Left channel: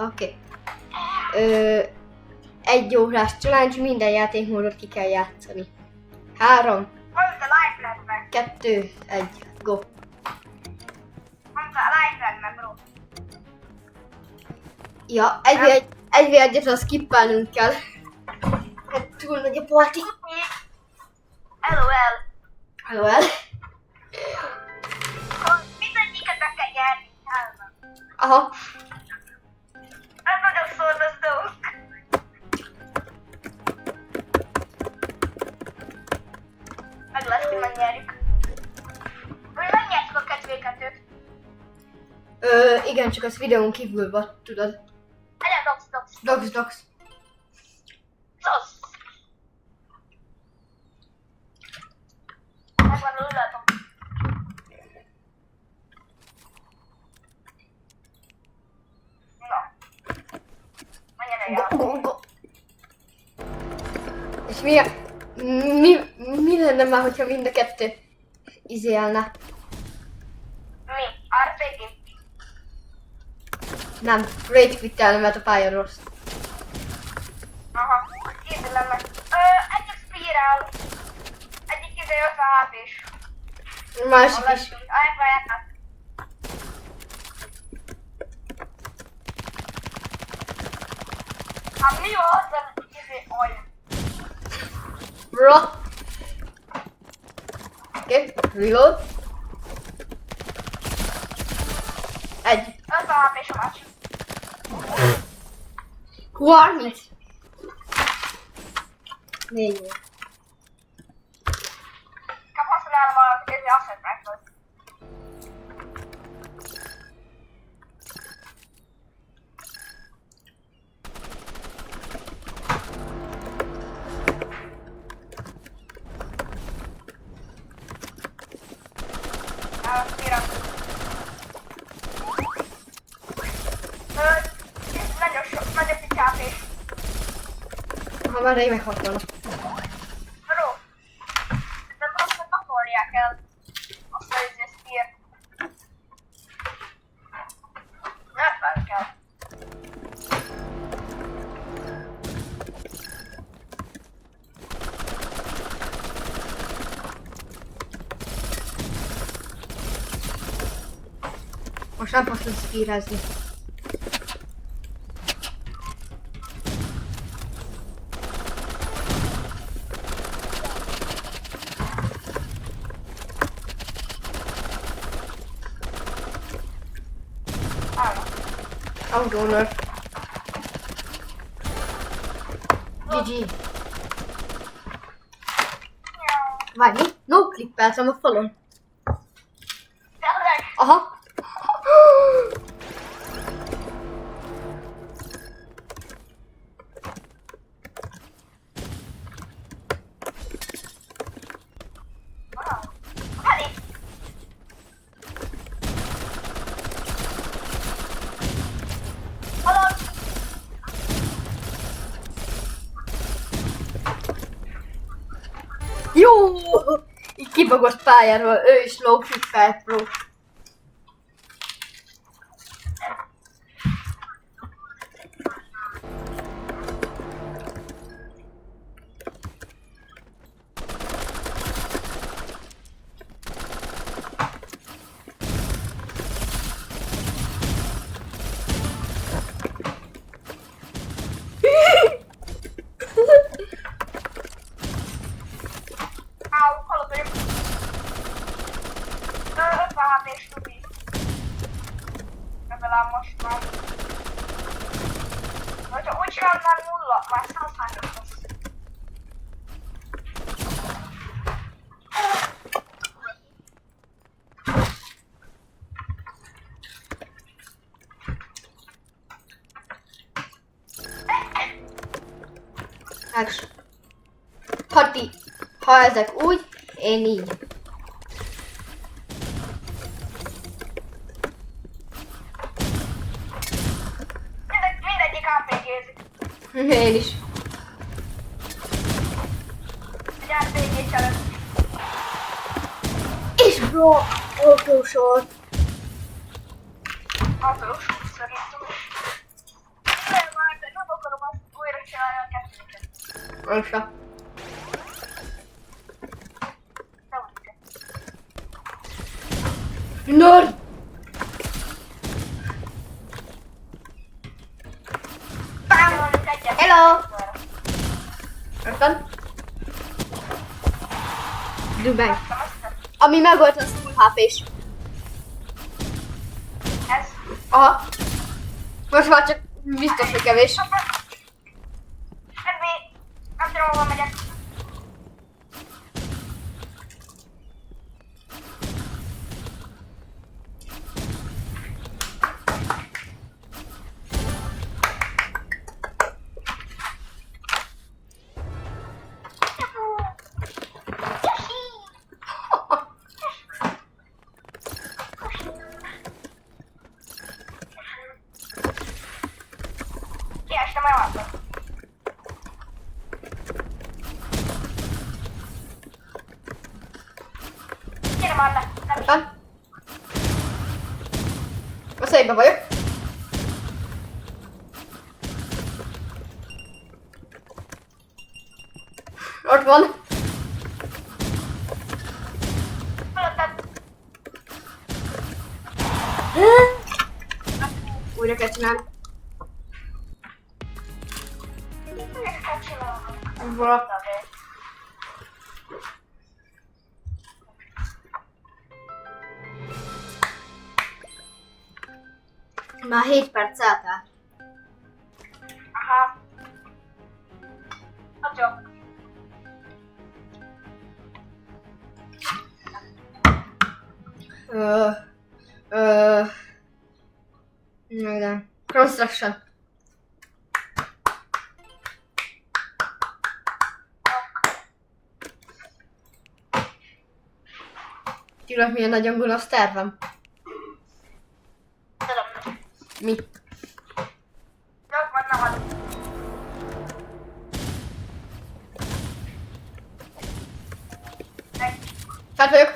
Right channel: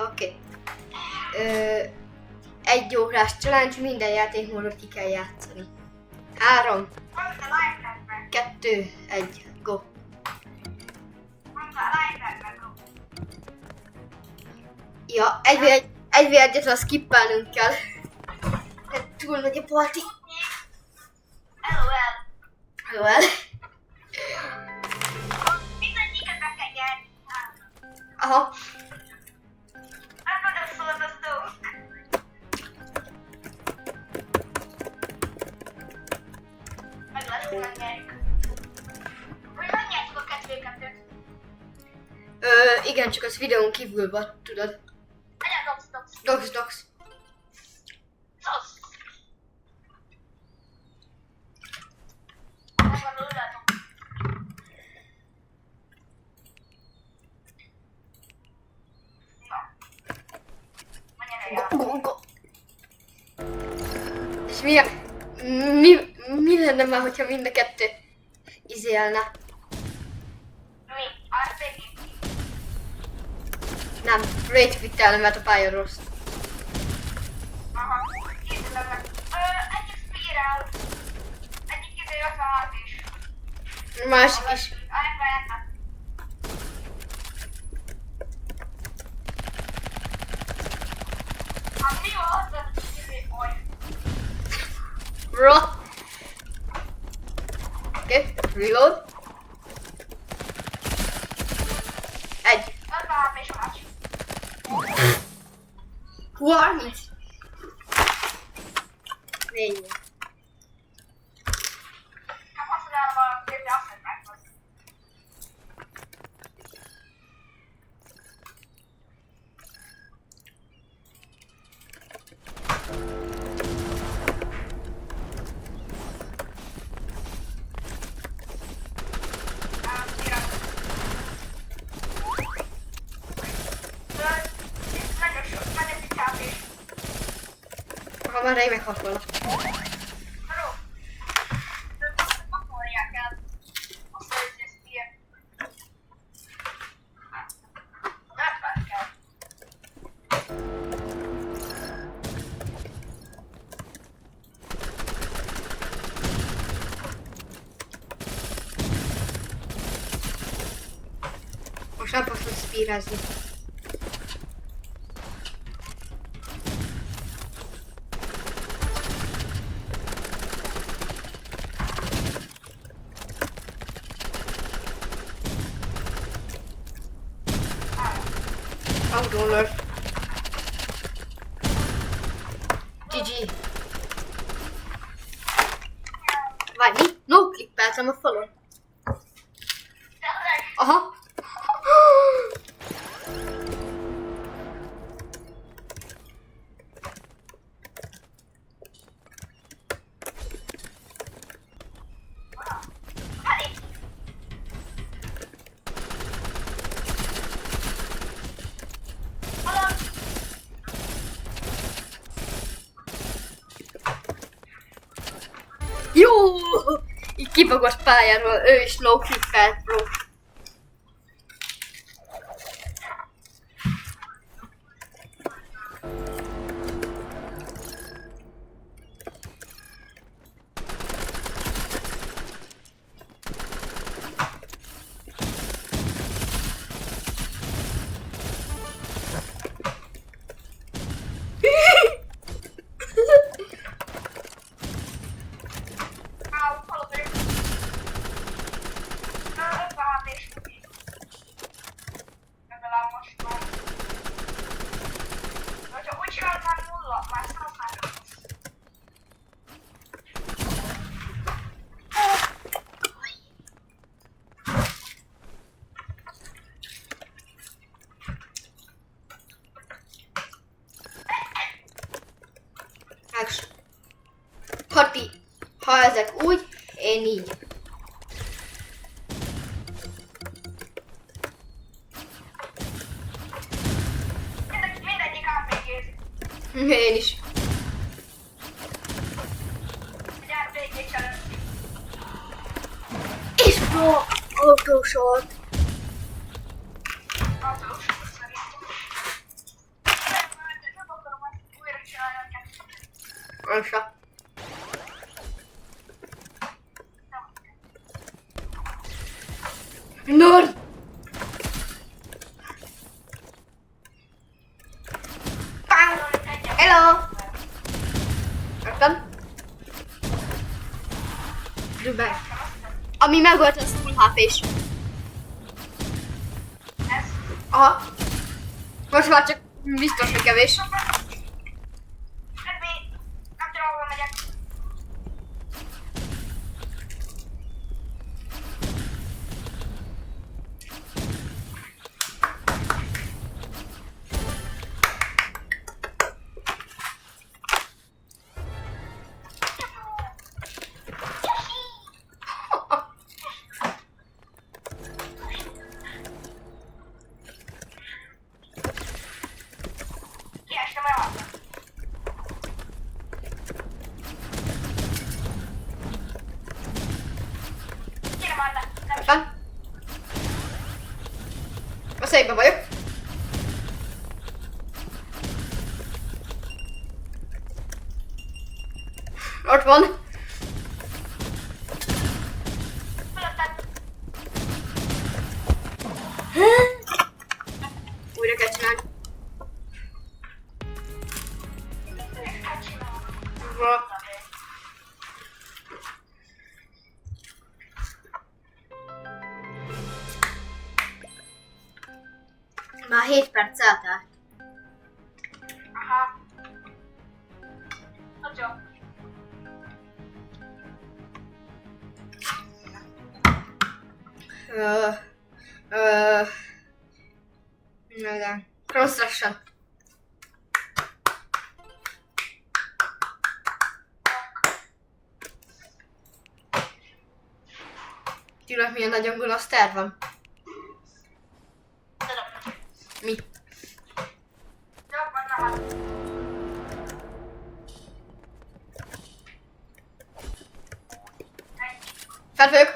Oké. Egy órás challenge, minden játékmódot ki kell játszani. 3, 2, 1, go! Ja, egy v egyet azt skippelnünk kell. Hát túl nagy a parti. LOL. Mindegyiket be kell nyerni. Aha. Ez nagyon szórakozó. Meg lesz, hogy megnyerjük. Megnyertük a kedvéket. Igen, csak az videón kívül vagy, tudod. Dox. Dox. Megvan a lulatom. Na. Menjen el. Go. És mi lenne már, hogyha mind a kettő izélne? Mi? RPG? Nem, rage quittelne, mert a pálya rossz. Aha. Kézzelem meg. Egyik spirál. Egyik 50 HP-s. Másik is. Elfájáltak. Hát mi jó az, olyan? Bro. Oké, reload. Egy. 50 HP-s már. 30. 4. Csak használom a kézi asset rifle-t. Nagyon kis HP-s. Ha már én meghatolnak. Bro, nem azt pakolják el azt a spear. Nem kell. Most nem fogsz spírezni. Outdoor. GG. Várj, mi? No clippeltem a falon. Tényleg? Aha. Elég. Hallod? Jó! Így kibagos pályáról, ő is no clippelt, bro. Áll, hallod ő? 50 HP-s tubi. Legalább most már. Hogyha úgy csinálnám nulla, már 100 lesz. Ágs. Ha ezek úgy, én így. Mindegyik RPG-zik. Én is. Egy RPG challenge. És bro, autósort. Autós, szerintem. Össze. Nerd! Bang! Hello! Érted? Dubánk. Ami megvolt, az full HP-s. Ez? Aha. Most már csak biztos, hogy kevés. Hát még... Nem tudom, hova megyek. Kiestem el arra. Gyere már le. Érted? Összejében vagyok. Ott van. Fölötted. Újra kell csinálni. Ezt kell csinálni. Vala. Már 7 perc eltelt. Aha. Hát jó. De. Construction. Tudod, milyen nagyon gonosz tervem? Tudom. Mi? Jó, vagy nem ad. Fel vagyok.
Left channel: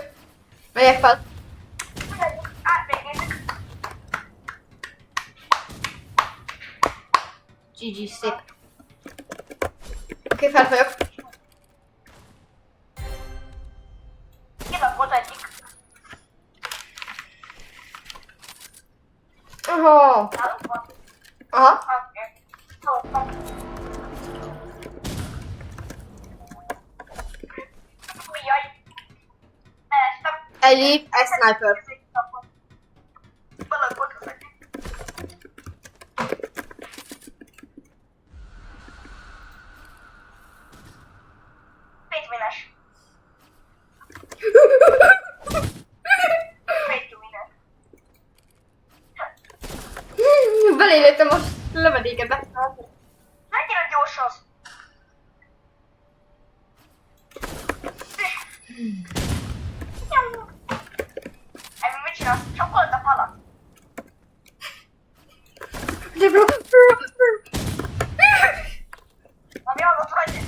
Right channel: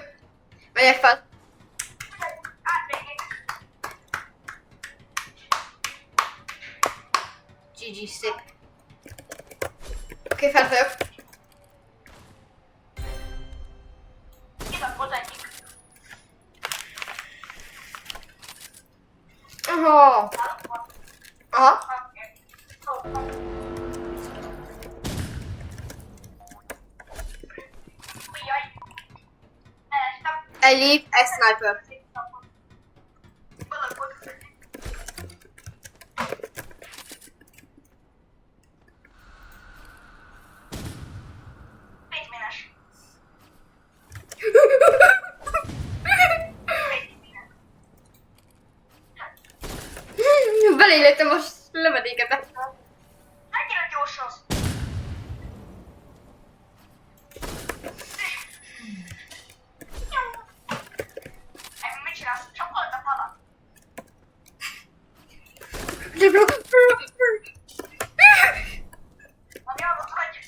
Megyek fel. Átvégézzük. GG, szép. Oké, fel vagyok. Kilakott egyik. Aha. Nálunk van. Aha. Oké. Jó, van. Ujjaj. Elestem. Egy leap, egy sniper. Balagott az egyik. Pénzmines. Pénzmines. Belélőttem a lövedékedbe. Mennyire gyors az? Emi, mit csinálsz? Csapkold a falat. De bro. Ami alatt vagy.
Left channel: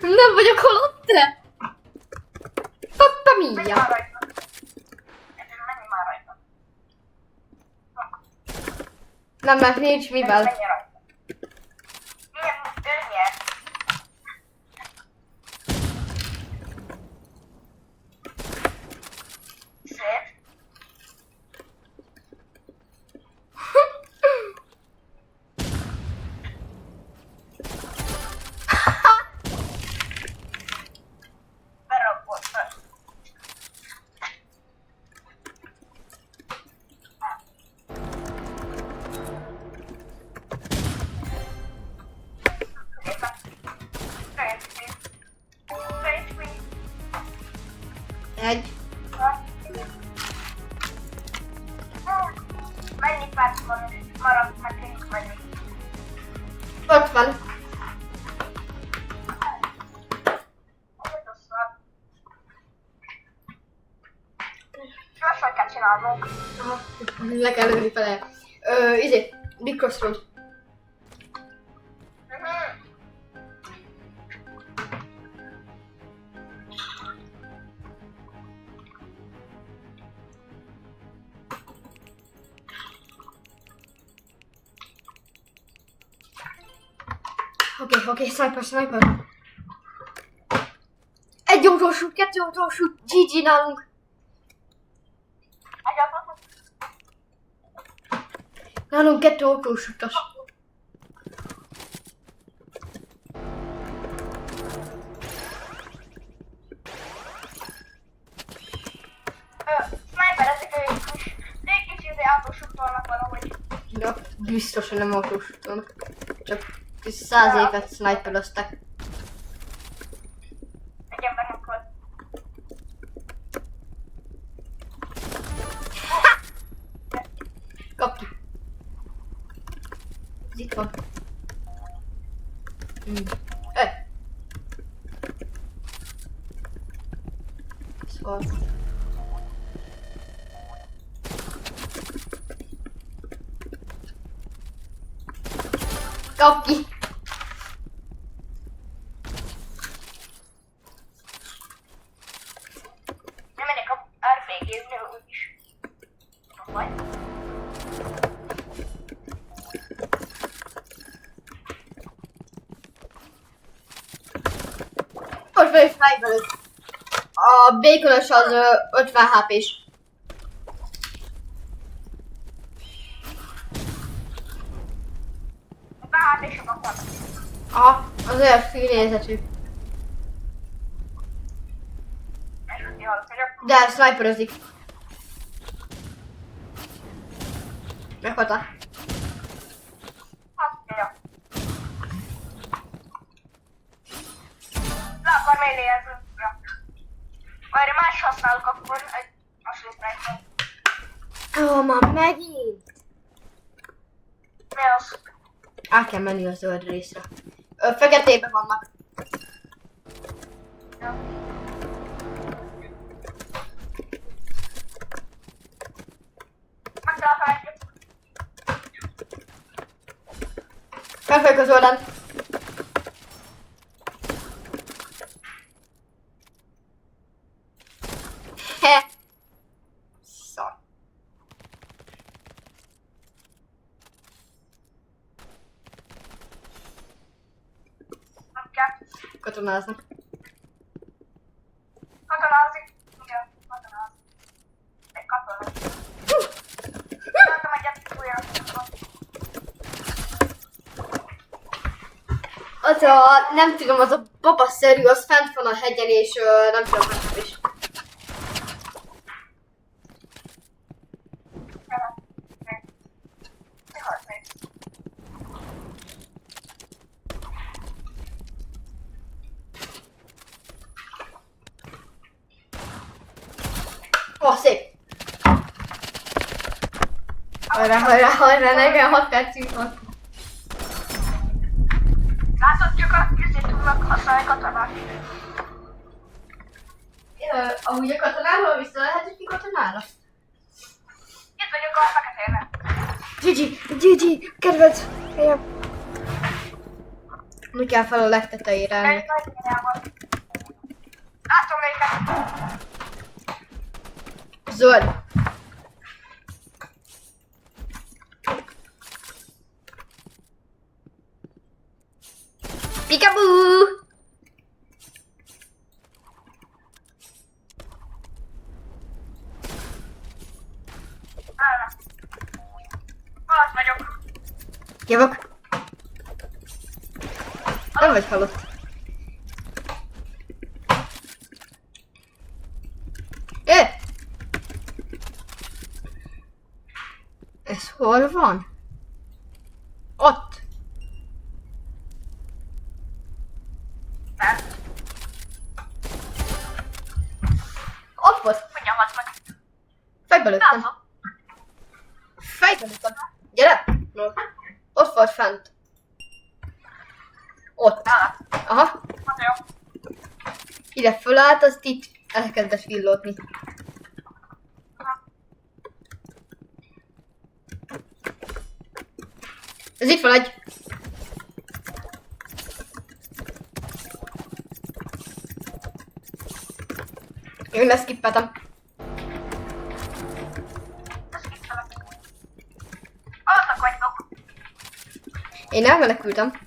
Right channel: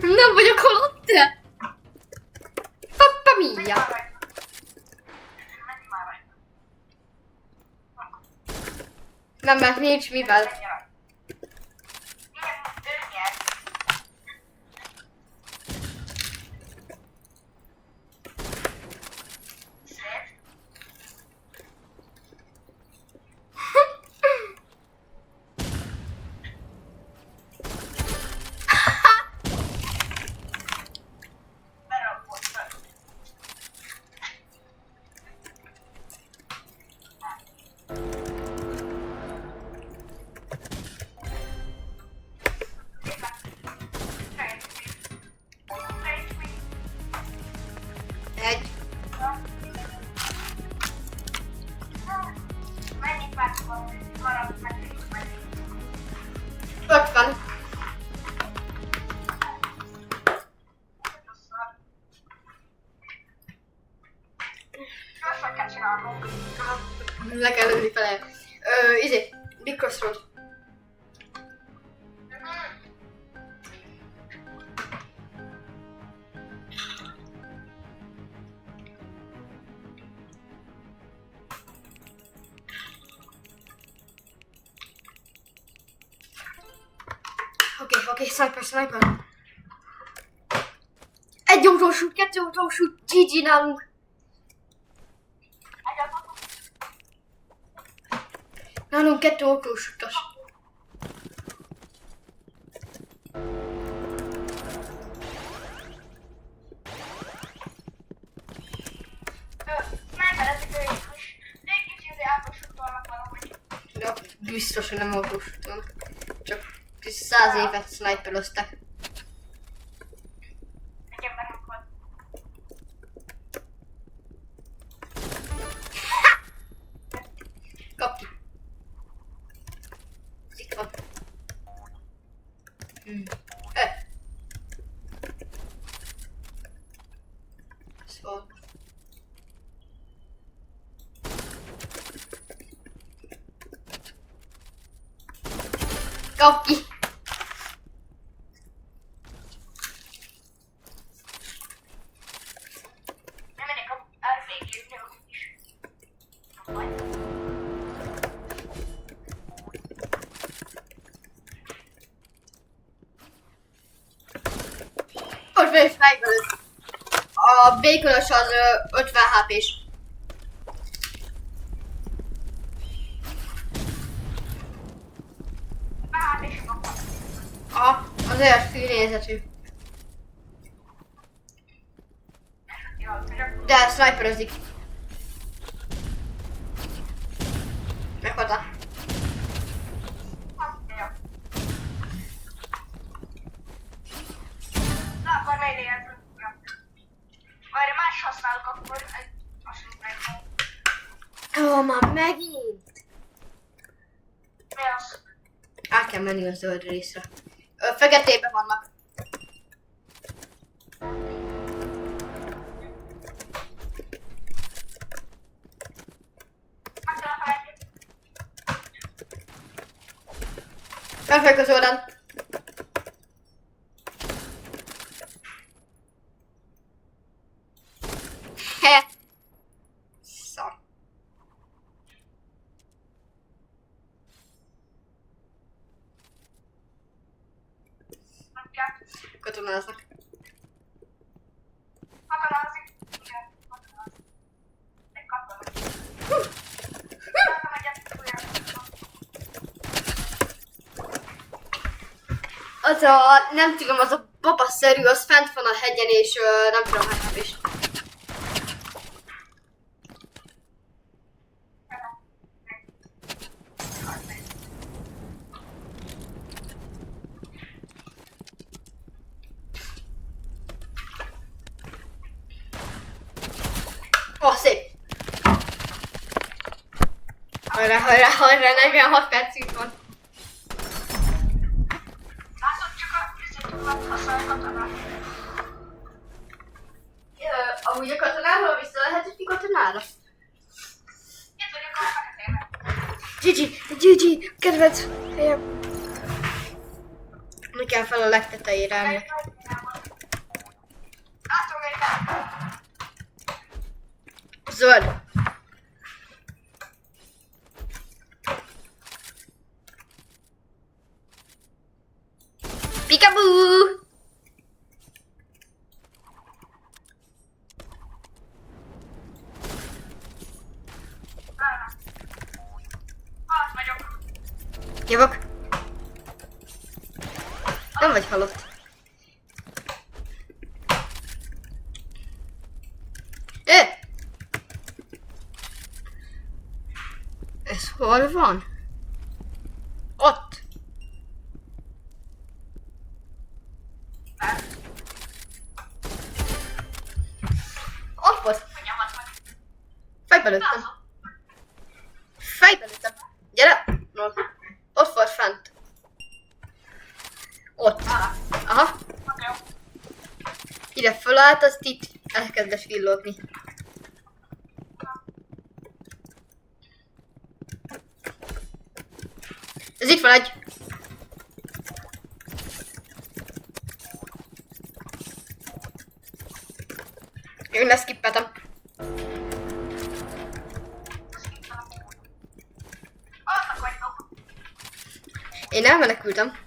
Nem vagyok halott. Pappa Menj mia. már rajta. Menj már rajta. Nem, mert nincs mivel. Menj rajta. Milyen ő nyert? Szép. Beragott fel. Egy. Mennyi perc maradt nekünk vagy? 50. Gyorsan kell csinálnunk. Aha. Le kell lőni fele. Izé. Big Crossroad. Oké, sniper. utolsó, 2 utolsó, GG nálunk. Nálunk 2 utolsó utas. Sniper, ezek ők is. Egy kicsit autósuk vannak valahogy. Ja, biztos, hogy nem autós úton. Csak 100 évet sniperoztak. Egy embernek volt. Kap ki. Ez itt van. Szóval. Kap ki. Nem megyek a RPG-nél úgyis. Vagy? Most fel is fejbelőtt. A békonos az 50 HP-s. Hát és sokat. Aha, az olyan fűnézetű. De sniperozik. Meghalta. Le akar mélyézni. Várj, más használok akkor egy másodpercet. Ó, már megint. Mi az? Át kell menni a zöld részre. Feketében vannak. Megtaláltam egyet. Felfejük az oldalán. He. Szar. Nem kell. Katonáznak. Katonázik. Igen, katonázik. Egy katona. Találtam egyet újra. Az a, nem tudom, az a babaszerű, az fent van a hegyen, és nem tudom, hát is. Ó, szép! Hajrá, hajrá, hajrá, 46 percünk van. Látod, csak a közé tudnak használni katonát. Amúgy a katonáról vissza lehet ütni katonára? Itt vagyok a feketének. GG, kedvenc helyem. Mi kell fel a legtetejére ennek? Látom őket. Zöld. Peekaboo! Halott vagyok. Jövök. Nem vagy halott. Ez hol van? Ott. Ott volt. Mondja, halt meg. Fejbe lőttem. Fejbe lőttem. Gyere! No. Ott volt fent. Ott. Aha. Jó. Ide fölállt, azt itt elkezdett villódni. Ez itt van egy. Én leszkippeltem. Azok vagytok. Én elmenekültem.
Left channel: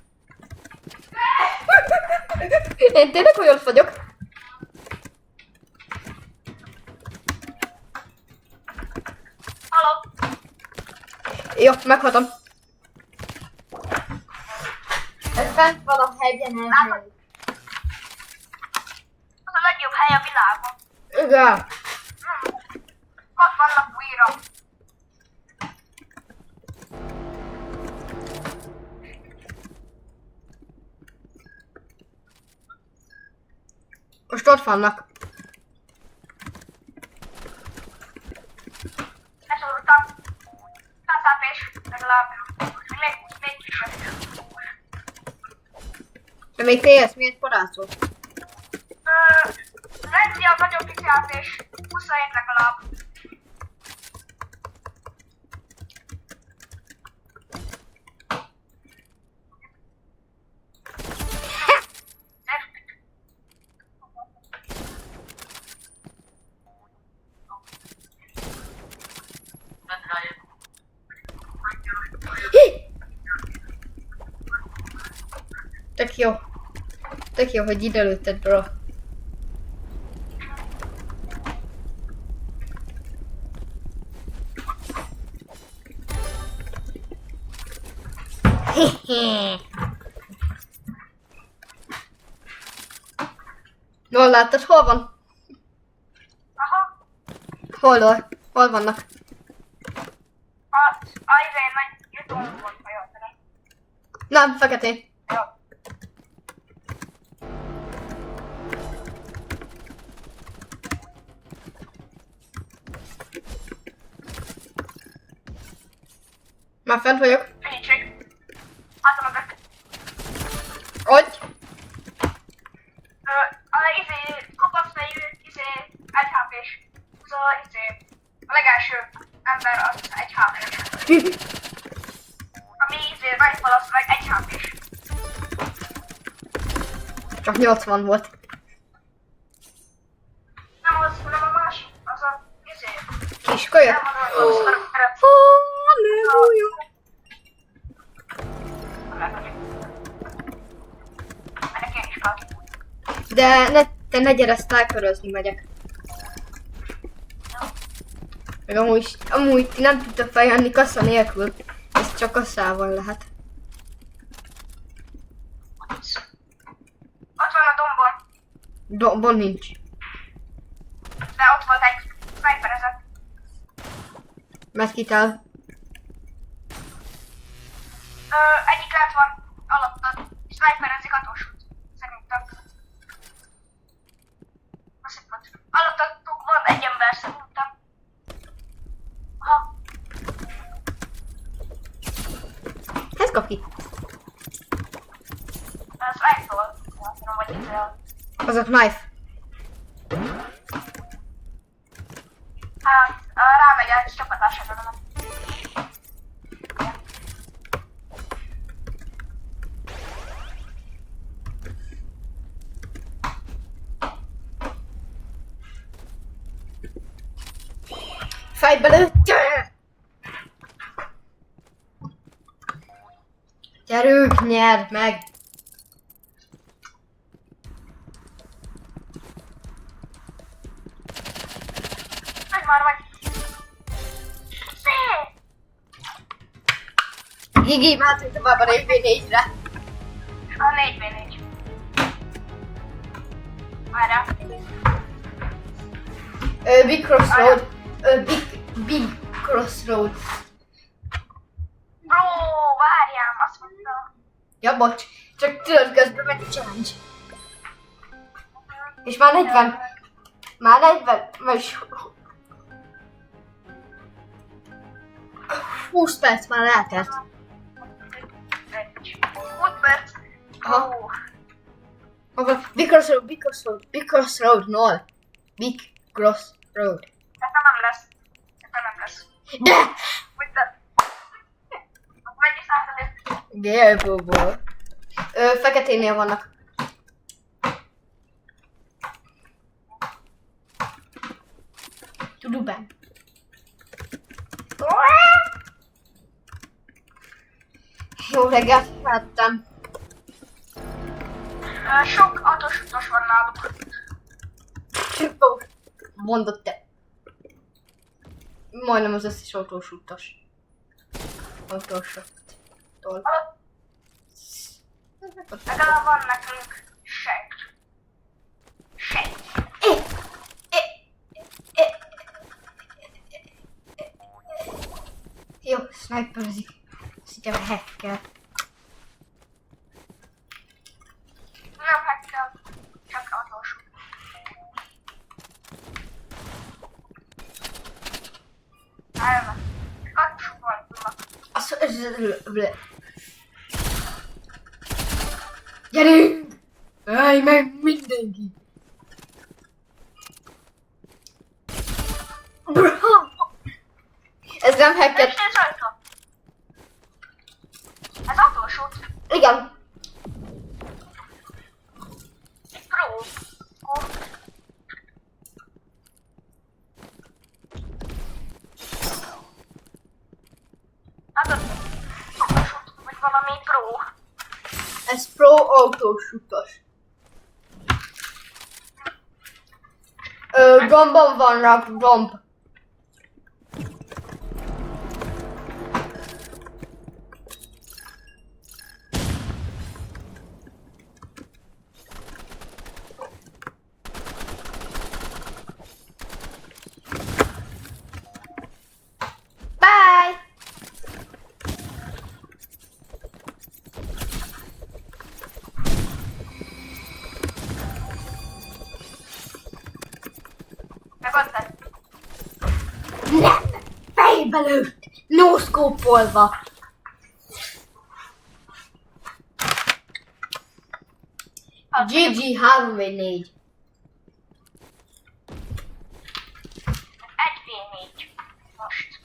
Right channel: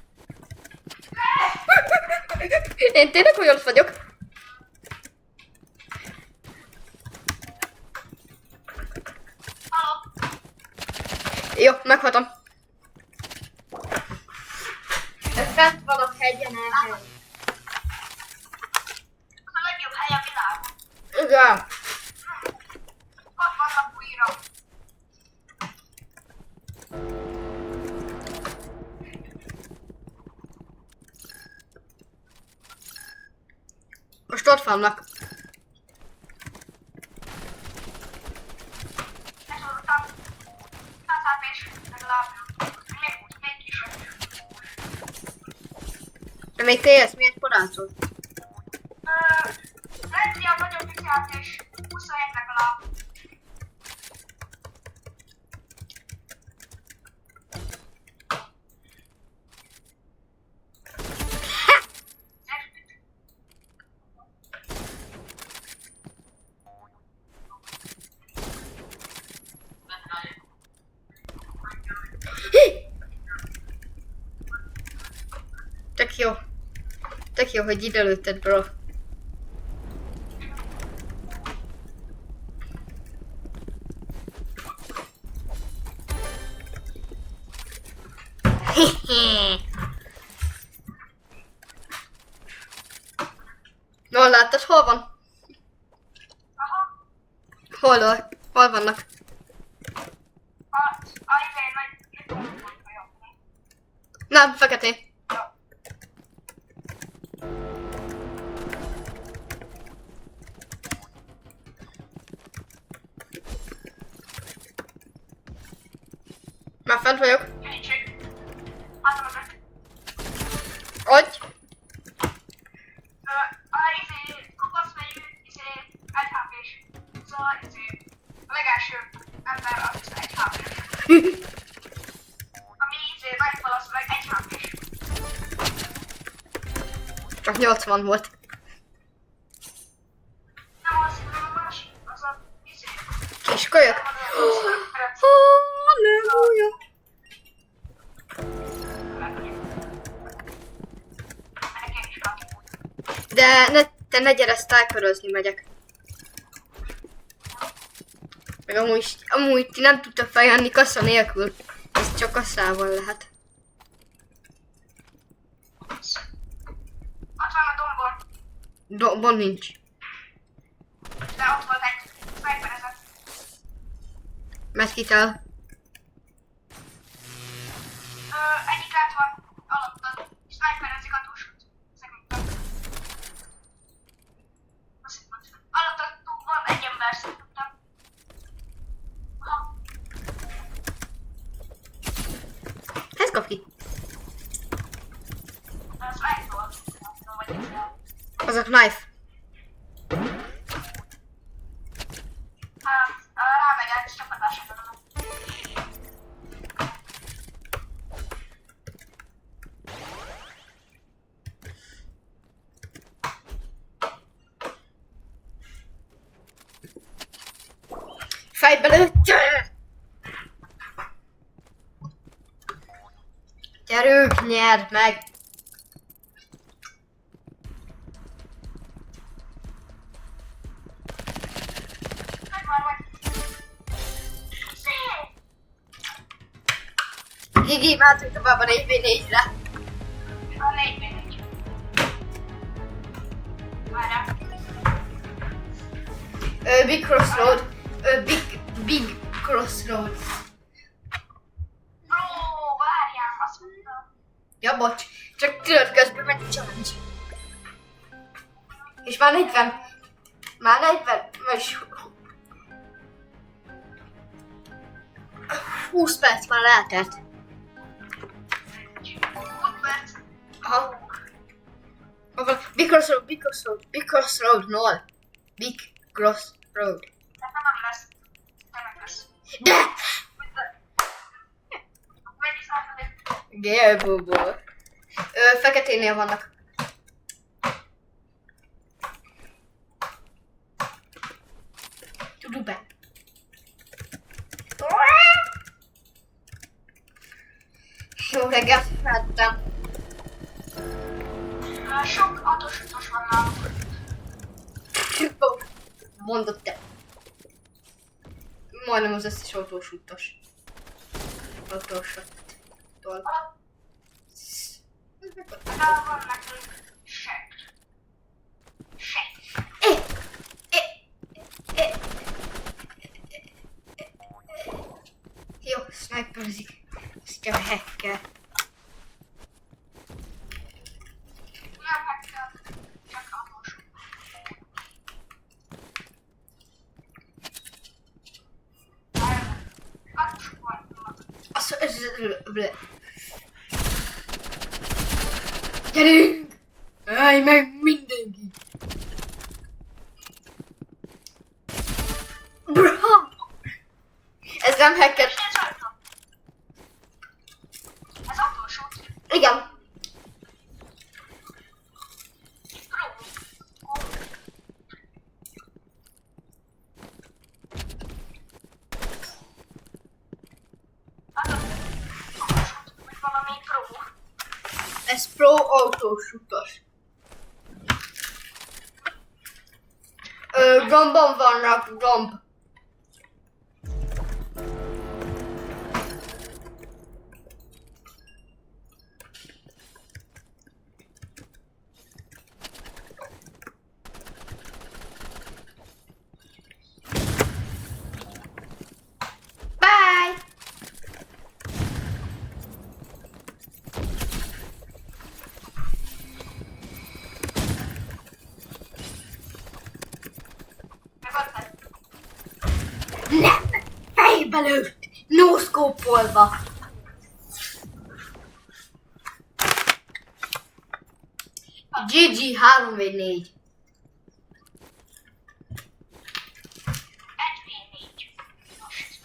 Én tényleg hogy ott vagyok. Jó, meghaltam. Fent van a hegyen elhely. Az a legjobb hely a világon. Igen. Ott vannak újra. Most ott vannak. Leszorultam. Tatapés. Legalább. Még kis vagy. De még TS, miért parácsol? Lenni a nagyobb kiszállás. 27 legalább. Tök jó. Tök jó, hogy ide lőtted, bro. Jól láttad, hol van? Aha. Hol vannak? A izé nagy jutott volt, ha jól tudom. Nem, feketé. Jó. Már fent vagyok. Segítség. Álltam mögött. Ott. A izé, kopaszfejű, izé, 1 HP-s. Szóval izé, a legelső ember az 1 HP-s. Ami izé, rifle az meg 1 HP-s. Csak 80 volt. Nem az, hanem a másik, az a izé. Kis kölyök. Nem az. Halleluja. Megyek én is fel. De te ne gyere sniperozni, megyek. Meg amúgy ti nem tudtok feljönni kassa nélkül. Ez csak kasszával lehet. Ott van a dombon, Dombon nincs. de ott volt egy sniperezet. Meszkitel. Egyik lent van, alattad. Sniperezik atósút, szerintem. Azt hiszem, alattatok van egy ember, szerintem. Aha, Ez kap ki. ez rifle volt. Azt hiszem, hogy ez Az a knife. hát, rámegy egy csapatásra. Fejbe lőtte! Gyerünk, nyerd meg! Meg már vagy. Szép! Gigi, mehetünk tovább a 4v4-re. A 4v4. Várjál. Big Crossroad. Big Crossroad. Bro, várjál, azt mondtam. Ja, bocs. Csak tudod, közben megy a challenge. És már 40. Már 40. Vagyis 20 perc már eltelt. 20 perc. Aha. Ó, Hol van? Big Crossroad, Big Crossroad, Big Crossroad, no. Big Crossroad. szerintem nem lesz. Szerintem nem lesz. De! With the... Mennyi százalék? Gélbóból. Feketénél vannak. Tuduben. Jó reggelt, láttam. Sok atósutos van náluk. Mondott te. Majdnem az összes autós utas. autósoktól. Legalább van nekünk seg. Jó, sniperezik. Azt hiszem, hacker. Nem hacker, csak autós. Elme. Kaktusok vannak. Gyerünk! Állj meg mindenki! Bra! Ez nem hacker. Ez autós út. Igen. Pro. Hát az autós út, vagy valami pro. Ez pro autós utas. Gombon vannak, gomb. Bye! Megoldtad? Nem! Fejbe lőtt! No-scope-olva! GG 3v4. 1v4. Most.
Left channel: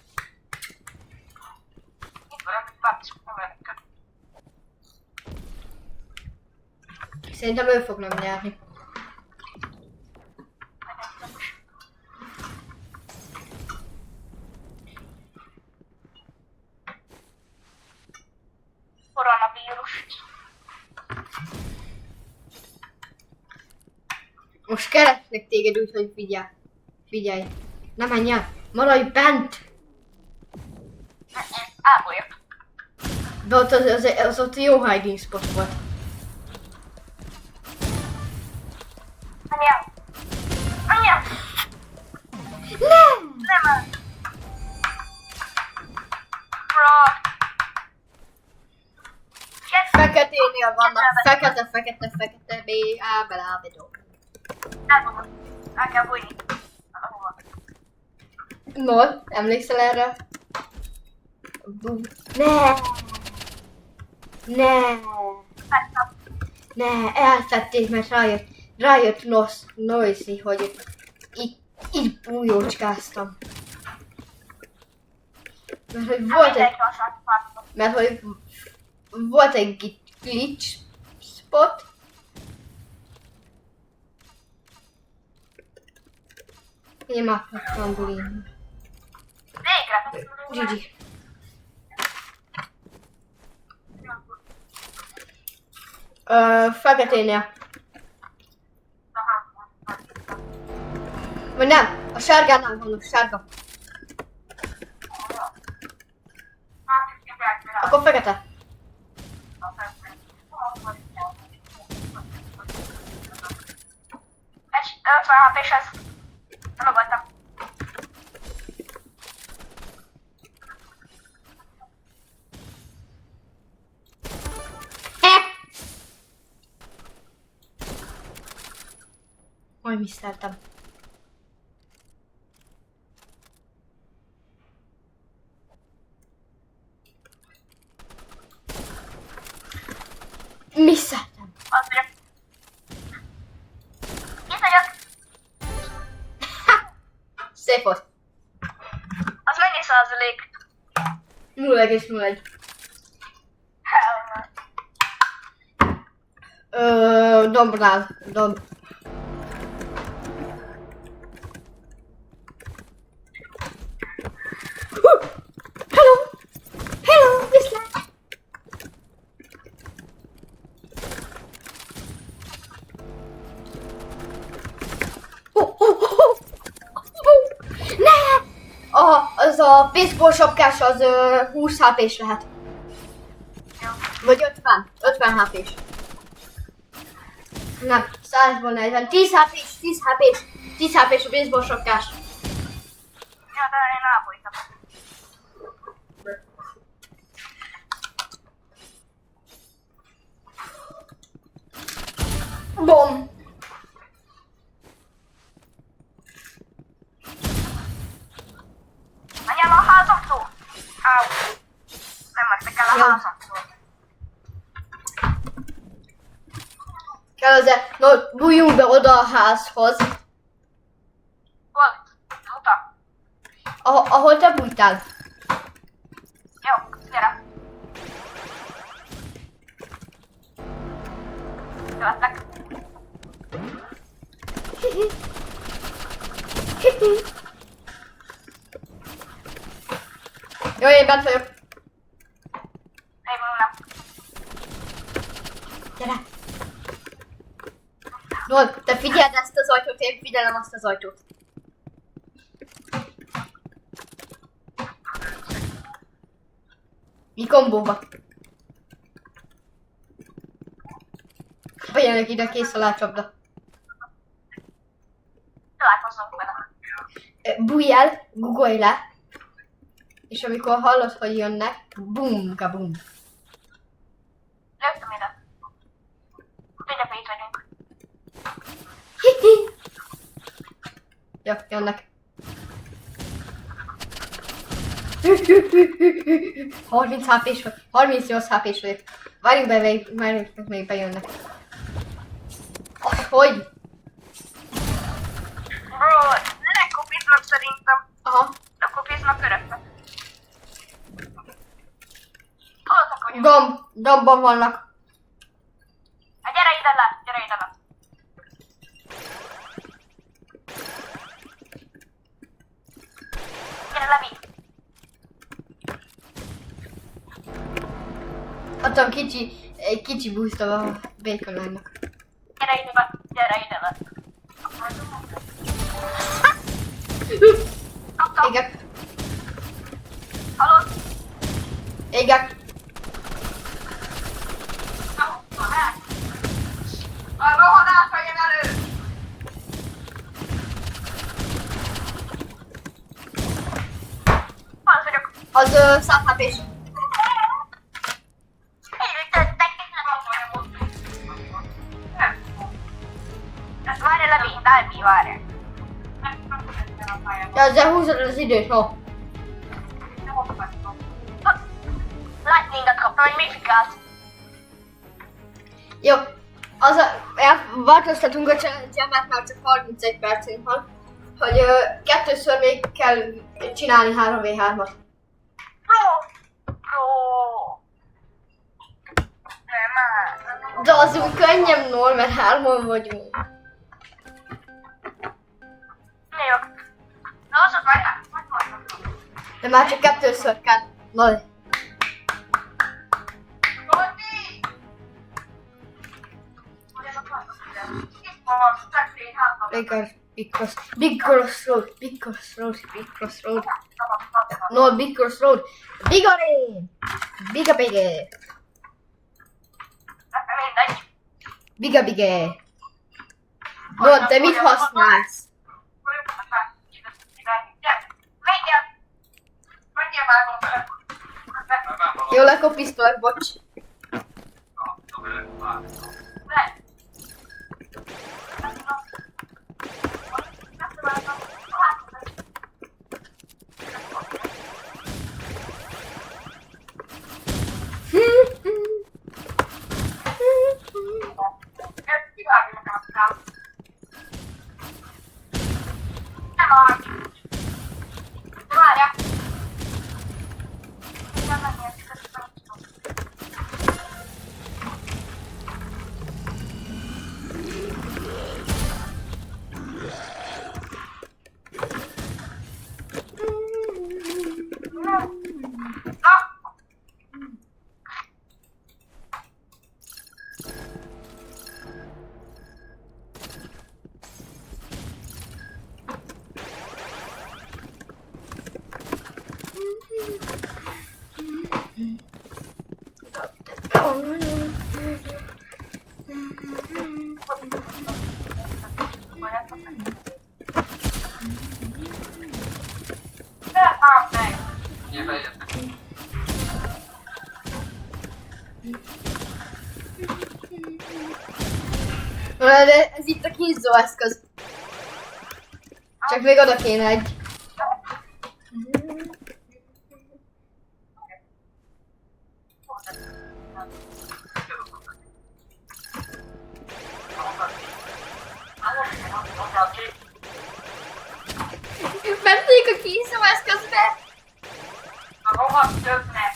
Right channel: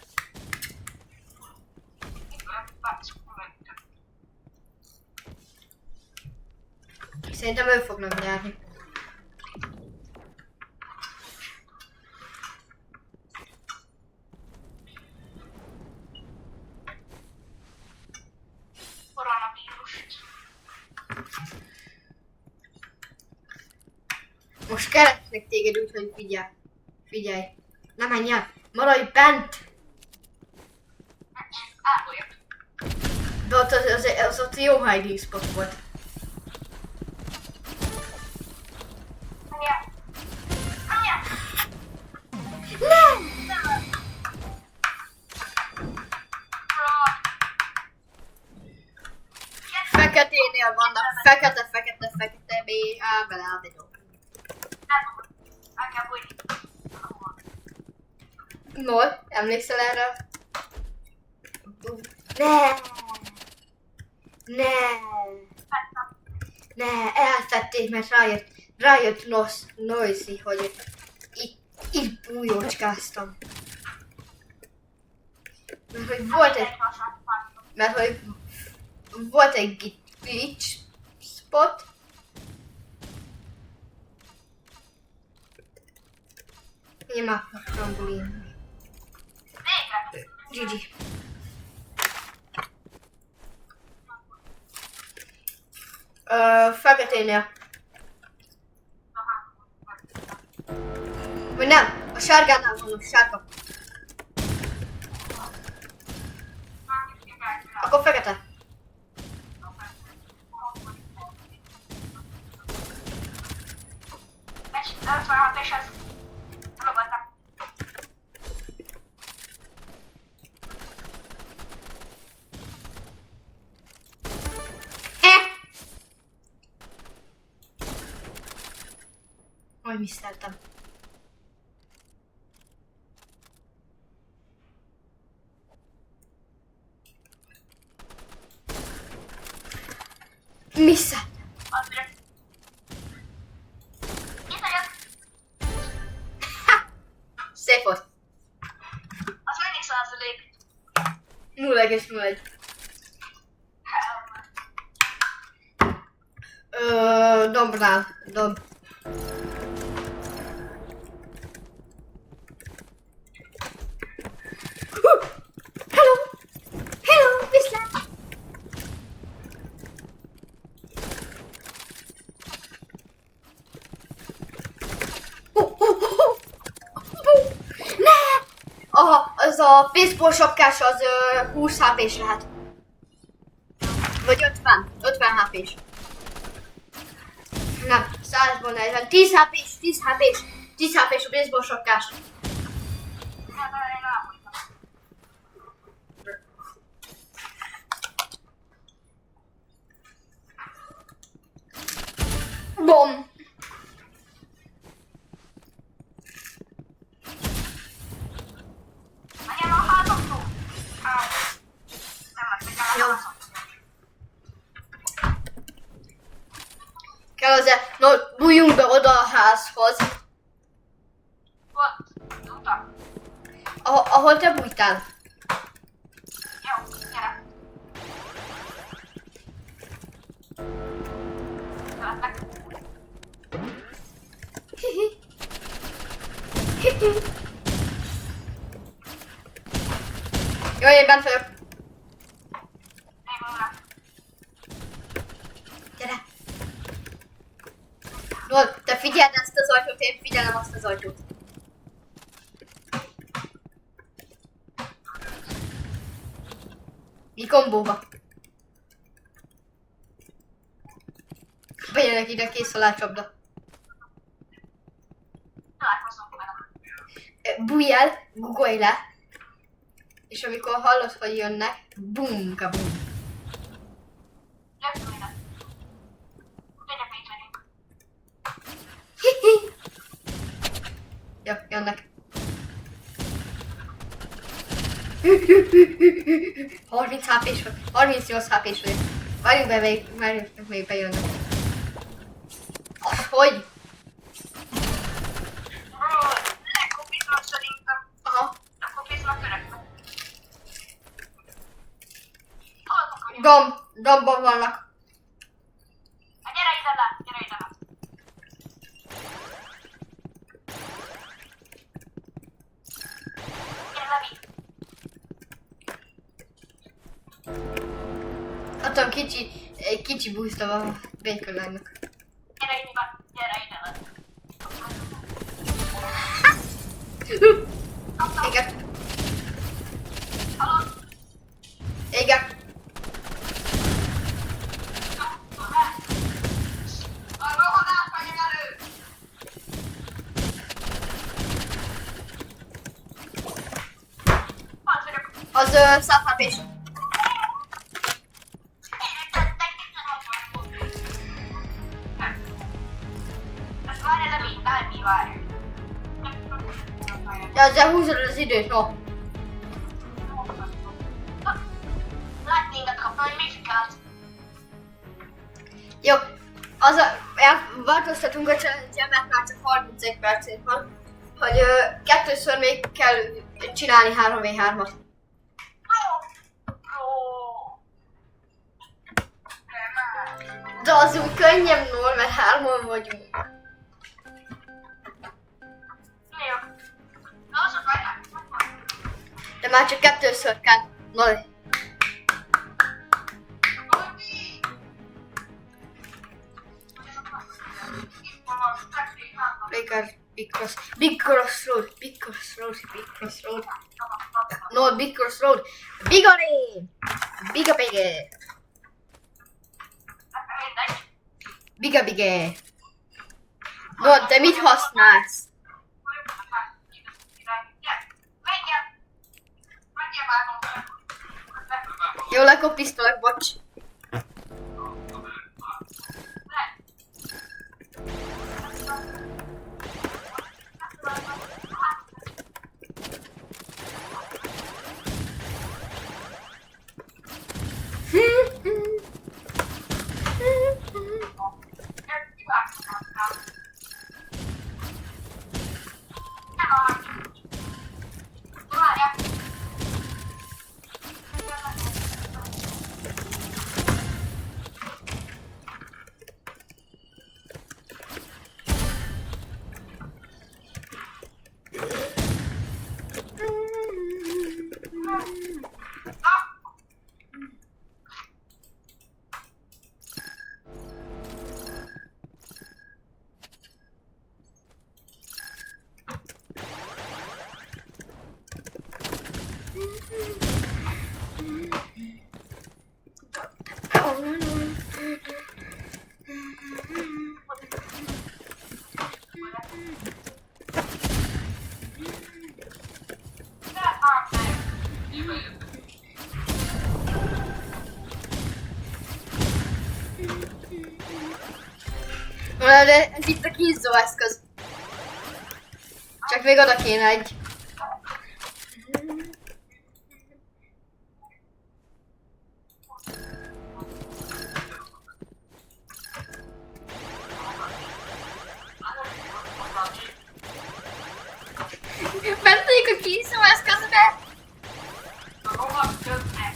Itt van a bácsi kamerákkal. Szerintem ő fognak nyerni. Koronavírus. Most keresnek téged úgy, hogy figyelj. Figyelj. Ne menj el. Maradj bent. Ábolyok. De ott az ott jó hiding spot volt. Menj el. Menj el. Nem! Nem el. Bro. Feketénél vannak. Fekete, B, A, belábedó. Elmondom. El kell bújni. No, emlékszel erre? Ne! Ne! Ne, elfették, mert rájött Noisy, hogy itt bújócskáztam. Mert hogy volt egy glitch spot. Én már trambulin. Végre. GG. Feketénél. Vagy nem, a sárgánál van, a sárga. Akkor fekete. Egy 50 HP-s ez. Nem voltam. Majd miszteltem. Miszteltem. Azért. Itt vagyok. Szép volt. Az mennyi százalék? 0,01. Dombnál. Domb. Hello! Hello, viszlát! Ne! Az a baseball sapkás az 20 HP-s lehet. Vagy 50 HP-s. Nem, 100-ból 40. 10 HP-s, 10 HP-s, 10 HP-s a baseball sapkás. Ja, de én elbújtam. Bom! Menjen a házamtól! Áú. Nem mentek el a Jó. házamtól. Kell azért, no, bújjunk be oda a házhoz, Hol? Uta. ahol te bújtál. Jó, gyere. Követlek. Hihi. Hihi. Jó, én bent vagyok. Én nem. Gyere! No, te figyeld ezt az ajtót, én figyelem azt az ajtót. Mi kombóba? Bejönnek ide, kész a lácsapda. Találkozzunk vele. Bújj el, guggolj le, és amikor hallod, hogy jönnek, bum, kabum. Lőttem ide. Mindjárt itt vagyunk. Hihi. Jó, jönnek. 30 HP-s vagy, 38 HP-s vagy. Várjunk be, még bejönnek. Hogy? Bro, lekopiznak szerintem. Aha. Lekopiznak örökbe. Hallottak, hogy Dombban vannak. Hát gyere ide le, gyere ide le. Gyere Levi. Adtam kicsi boost a Bacon Line-nak. Gyere ide le, gyere ide le. Égek, Hallod? égek. A rohadás vegyen elő! Az vagyok. Az 100 HP-s. Várj, Levi, Levi, várj. De ezzel húzod az időt, no. Lightningot kaptam, egy mifikát. Jó, az változtatunk a challenge-en, mert már csak 31 percünk van, hogy kettőször még kell csinálni 3v3-at. Bro. Nem, De az úgy könnyebb, nól, mert 3-on vagyunk. Jó. Na, az majd hát. De már csak kettőször kell. No. Big crossroad. No, big crossroad. Bigare! Bigge. Bigge. No, te mit használsz? Jó, lekopisztolok, bocs. De ez itt a kínzó eszköz. Csak még oda kéne egy. Mennék a kínzó eszközbe. Rohadt többnek.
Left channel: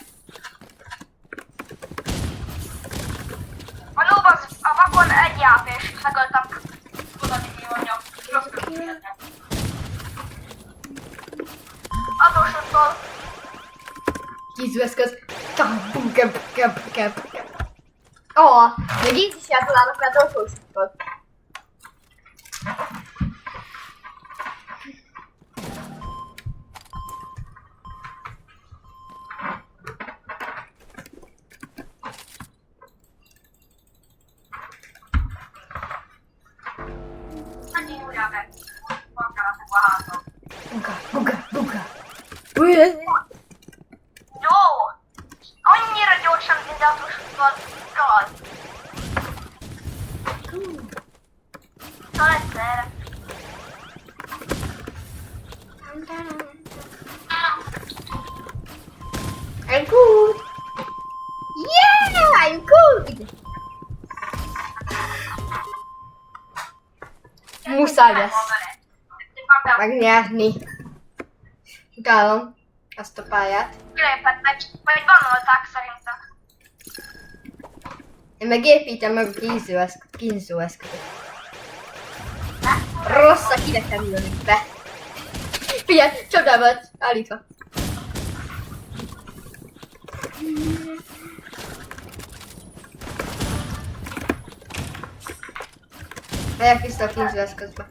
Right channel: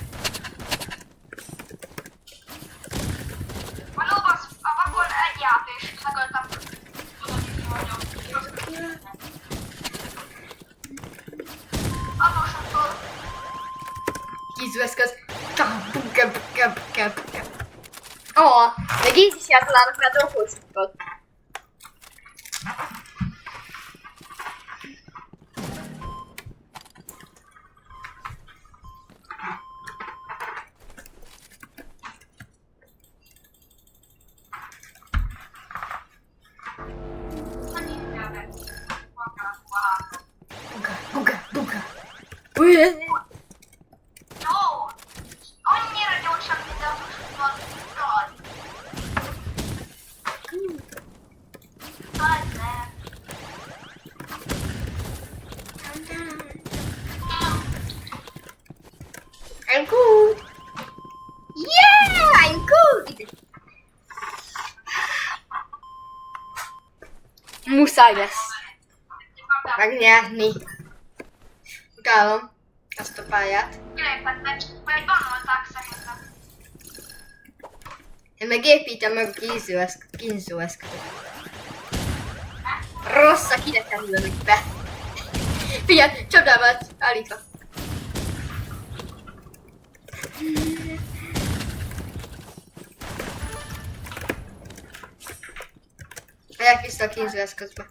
A lóban a vakon egy játék, megöltem. Tudod, mi mondjam. Adósodtól. Kínzó eszköz. Ó, még így is eltalálnak rá dolgosokat. Buga. Jó! Annyira gyorsan, mint adósodtól. Raj. Egyszer. I'm good. Yeah, I'm good. Muszáj lesz megnyerni. Utálom ezt a pályát. Kilépettek, vagy bannolták szerintem. Én meg építem meg a kínzó eszközöt. Rosszak ide kerülnek be. Figyelj, csapdába lett állítva. Megyek vissza a kínzó eszközbe.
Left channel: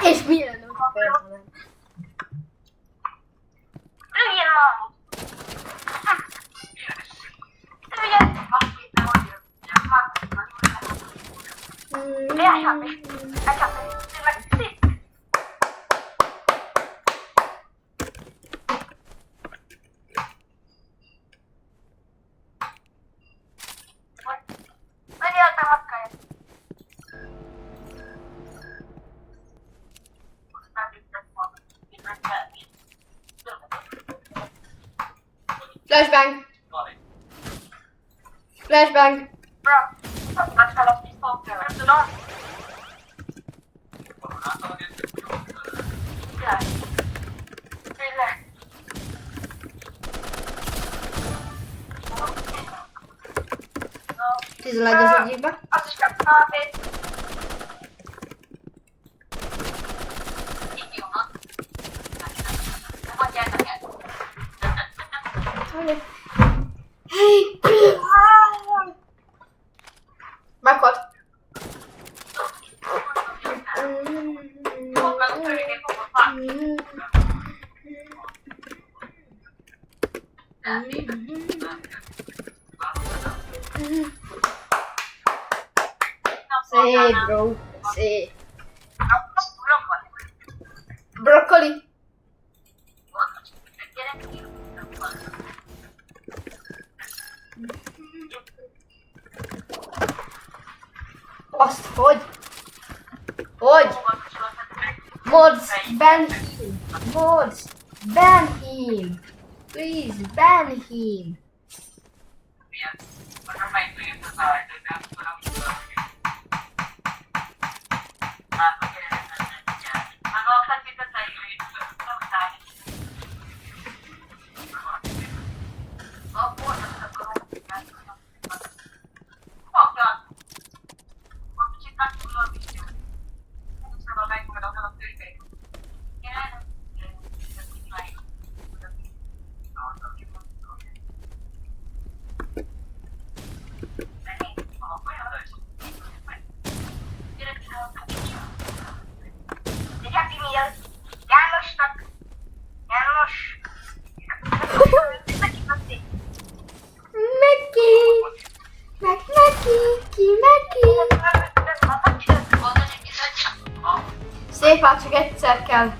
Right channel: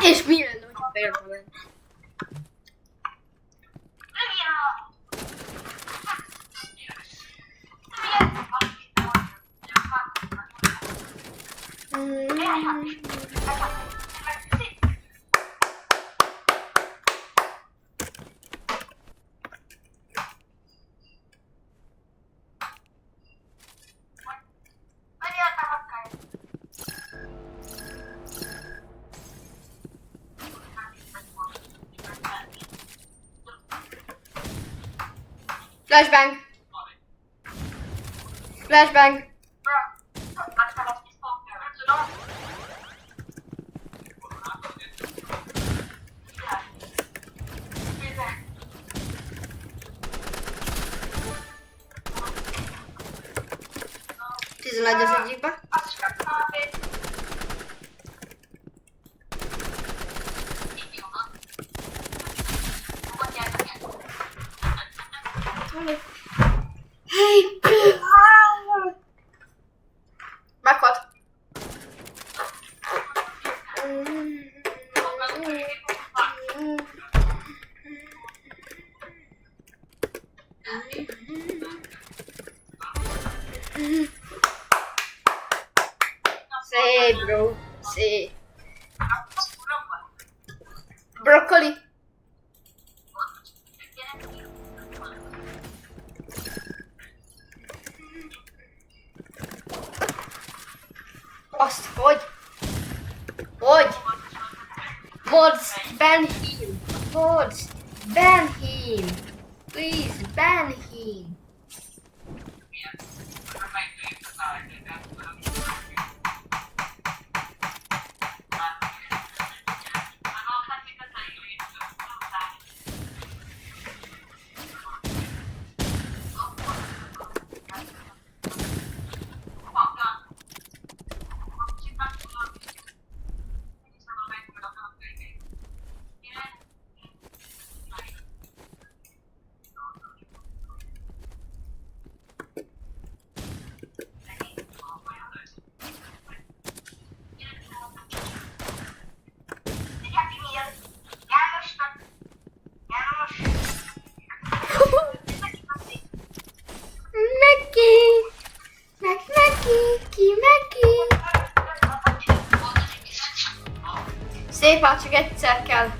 És mi lenne, hogyha például? Ilyen malmot. Ugye? Flashbang! Flashbang! Tizenegy az egyikbe. Hey! Meghalt. Szép, bro. Szép. Broccoli. Azt hogy? Hogy? Mods, ban him. Mods, ban him. Please, ban him. Szép, hát csak egyszer kell.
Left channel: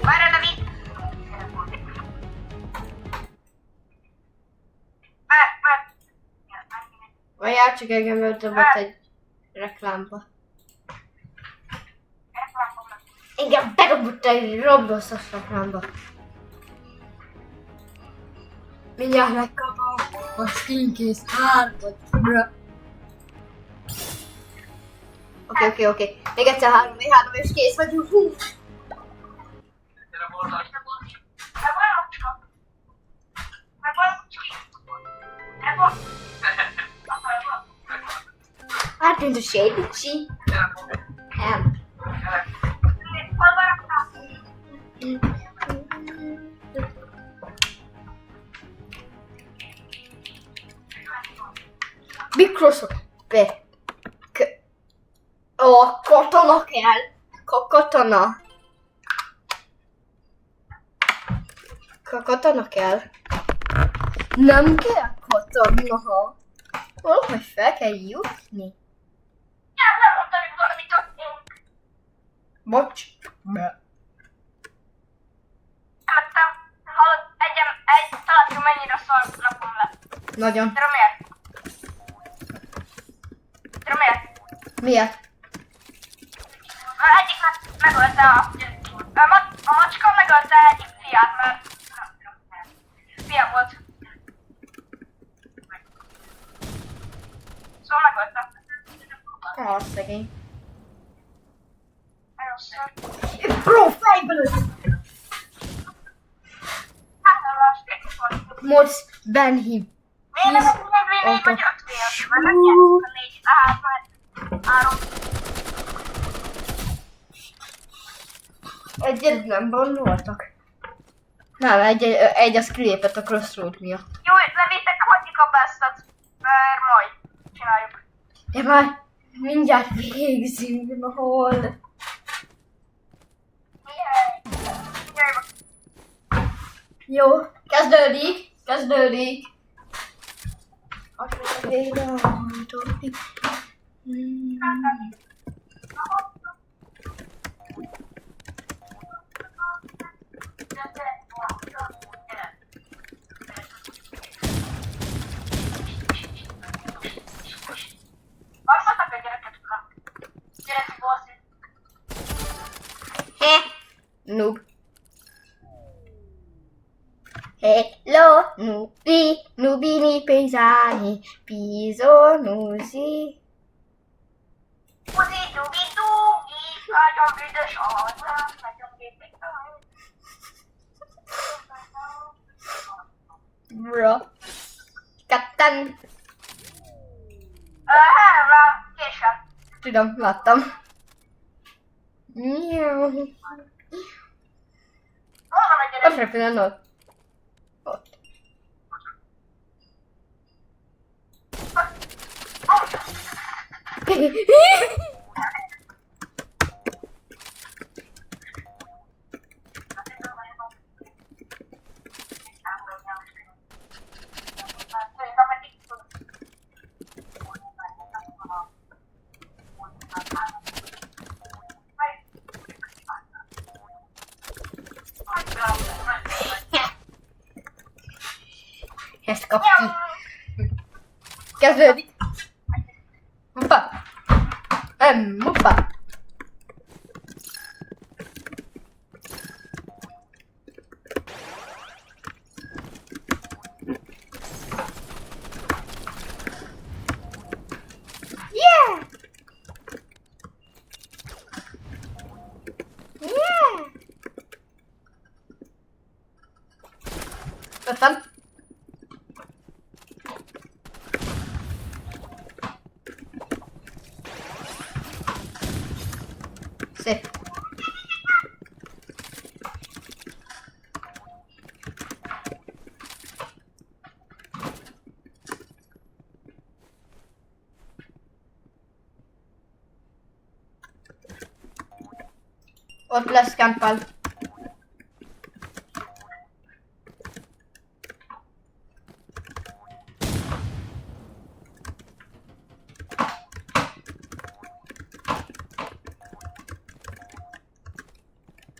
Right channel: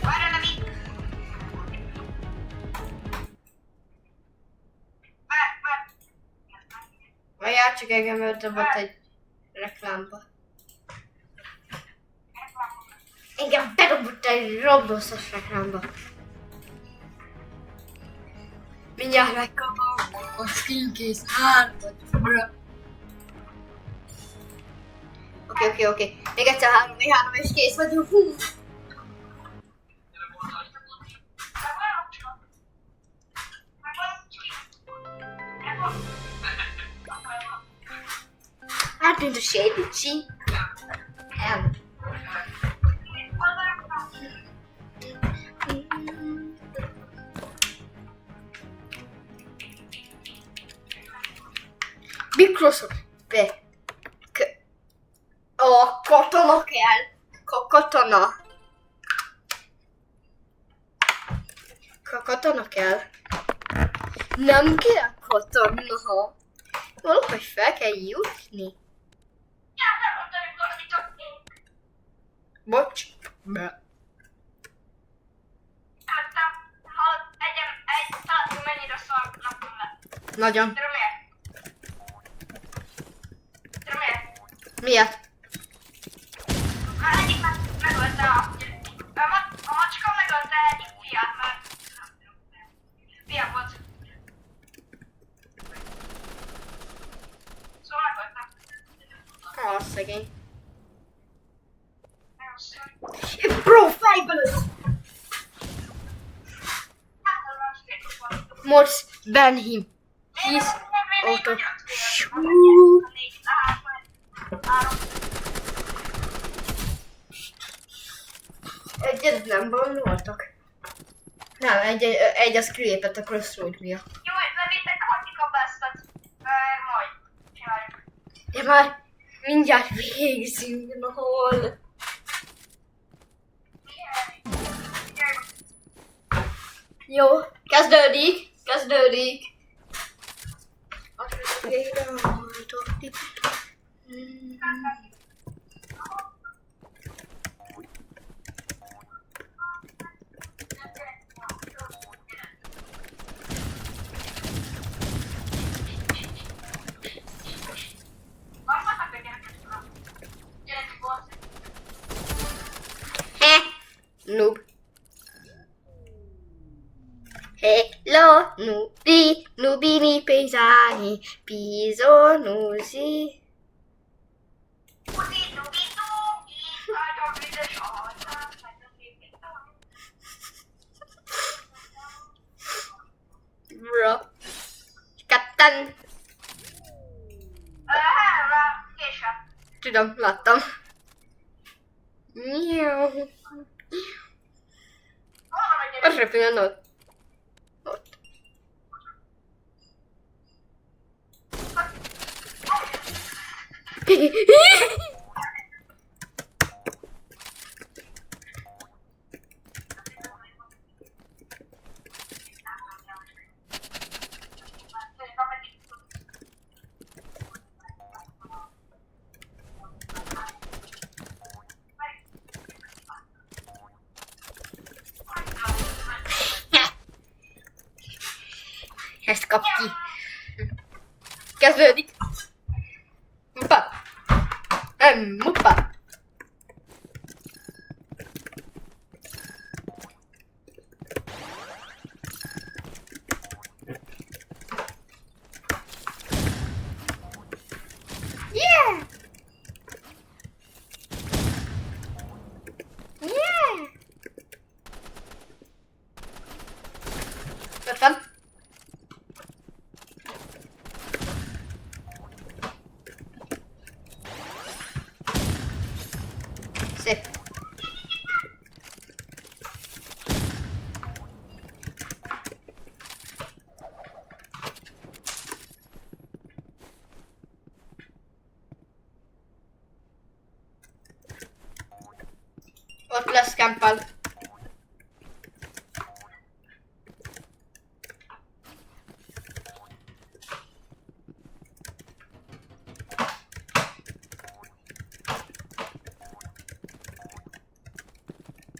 Várj, de mi? Várjál, csak engem öldobott egy reklámba. Engem bedobott egy Robloxos reklámba. Mindjárt megkapom a skincase 3-at. Oké. Még egyszer 3 és kész vagyunk. Hú. Átűnt a sédicsi. Nem. Microsoft. A katona kell. Katona. Katona kell. Nem kell katona. Valahogy fel kell jutni. Bocs. Hallod, egy találtuk mennyire szar napom lett. Nagyon. Tudom miért? Tudom miért? Miért? Egyik megölte a macska megölte egyik fiát, mert nem tudom miért. Fia volt. Szóval megölte. Szegény. Nagyon szar. Bro, fejbe lőtt! Hát nem rá, Most ban him. Miért He's nem out of... vagy 5 fél? Mert nem nyertük a 4, tehát már 3. Egyet nem bannoltak. Nem, egy az kilépett a Crossroad miatt. Jó, levétek, hagyjuk a bestet, mert majd csináljuk. De már mindjárt végzünk, na hol? Jöjj, Jó, kezdődik. Azt mondta, végre hallottuk. Varmatak a gyereket uram. Gyerek volt. Noob. Hello, nubini pesani, piso nusi. Uzi, dubi, dubi, nagyon büdös arca, nagyon képek. Bro. Ketten. Helra, késem. Tudom, láttam. Miau. Hol van a gyerek? Ott repülen ott. Ott. Ezt kap ki. Kezdődik. Muppa. Muppa. Yeah! Yeah! Ott van. Szép. Ott lesz Campbell.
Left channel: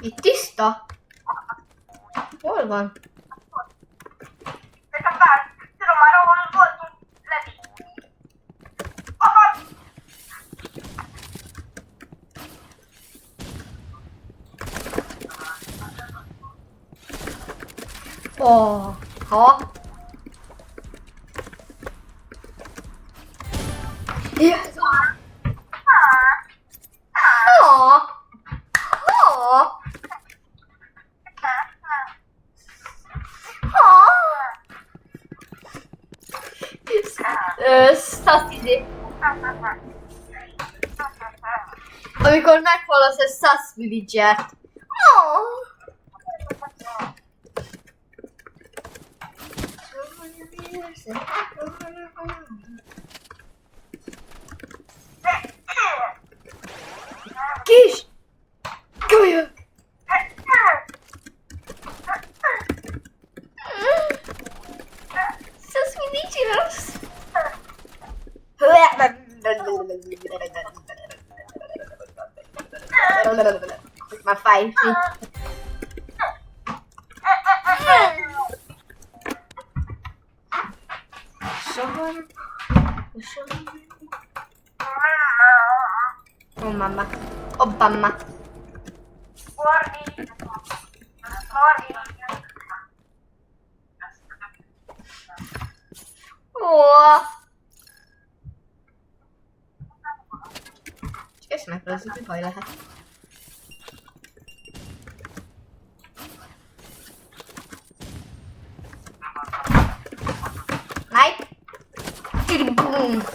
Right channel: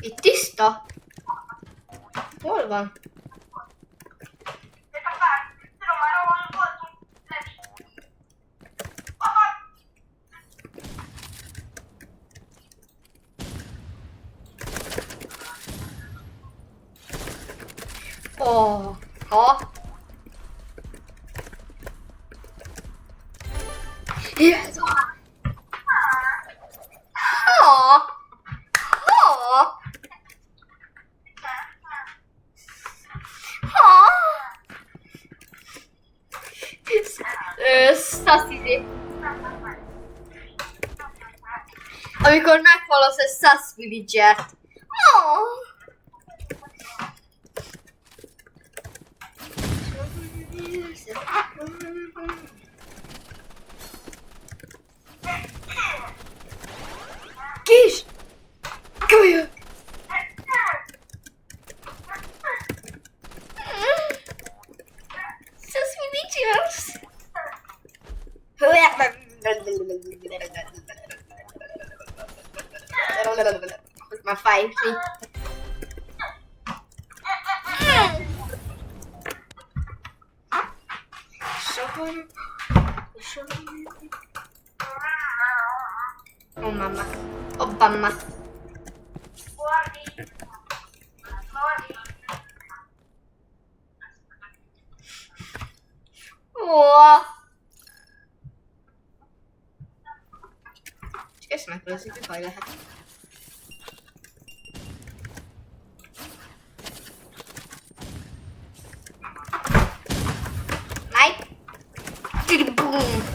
Itt tiszta? Hol van? Nekem bár, tudom már, ahol voltunk, Levi. Apa! Oh, ha? Ez a... Ha? Ha? Ha? Szaszizé. Amikor meghallasz egy Sass Villager-t. Oh. Kis! Kölyök! Sass Villagers! Már fáj. Soha. Oh mamma. Obama. Ó. Csak ezt megpörözik, baj lehet. Knife. Boom.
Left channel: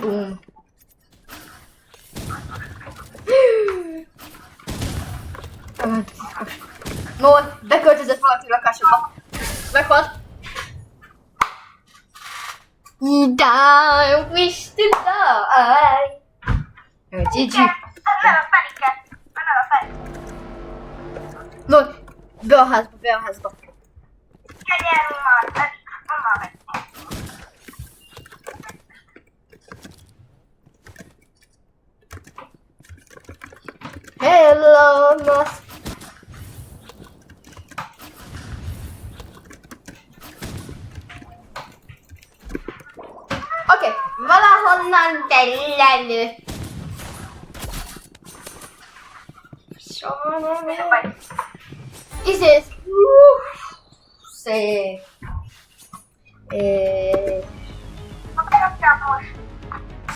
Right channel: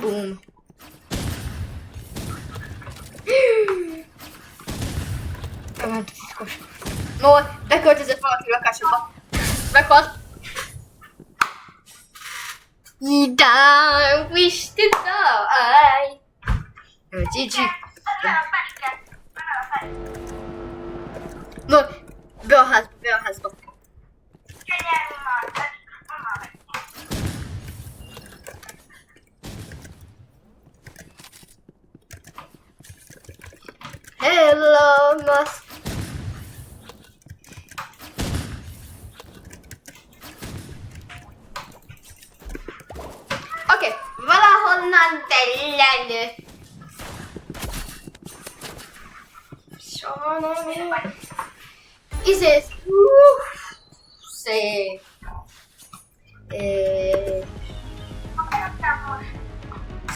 Boom. Elment a fiszkos. No, beköltözött valaki lakásokba. Meghalt. You don't wish to die. Jó, GG. No, be a házba, be a házba. Hello, Musk. Oké, valahonnan belelőtt. Sajnálom. Izé. Szép. Most